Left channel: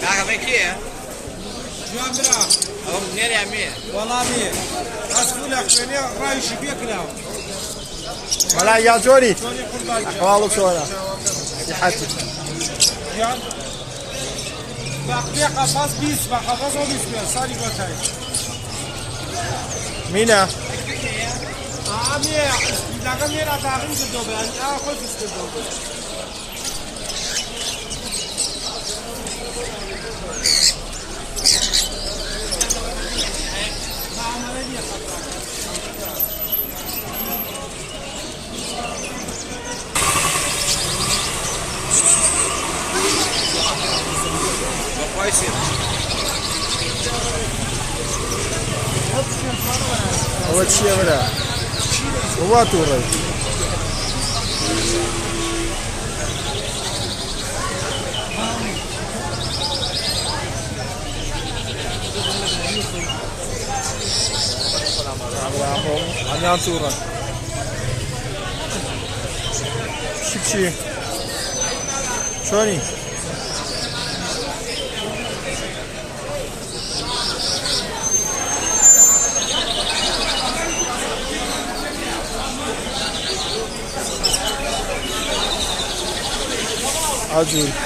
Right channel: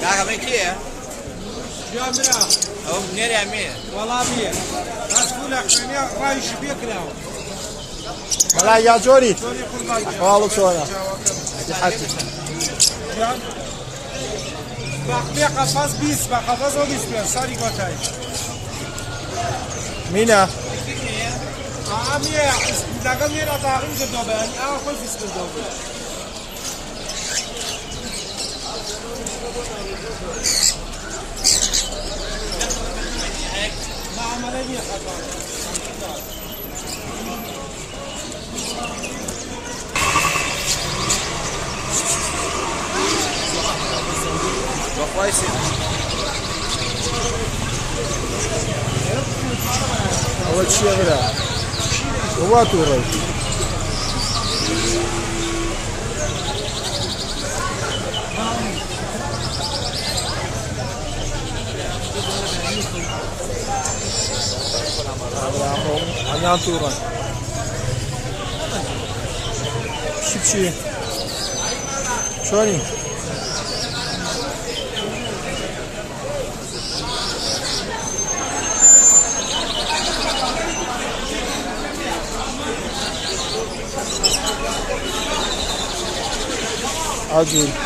Paga-me aqui, يا منام أو منين يا مين؟ والله مية أسألك شنو رايش بيك اليوم ملا يا جوري شلون يقول باقي أحوالك شلونك؟ صحتك يعني باقي قفص بيس بقفص وبيس بيس سالي قوتاي مينا عمي لقى ميرا تاغي زبابان أنا كيف استخدمه أول شيء غدا هو توري عم توري شبشي شوني عجول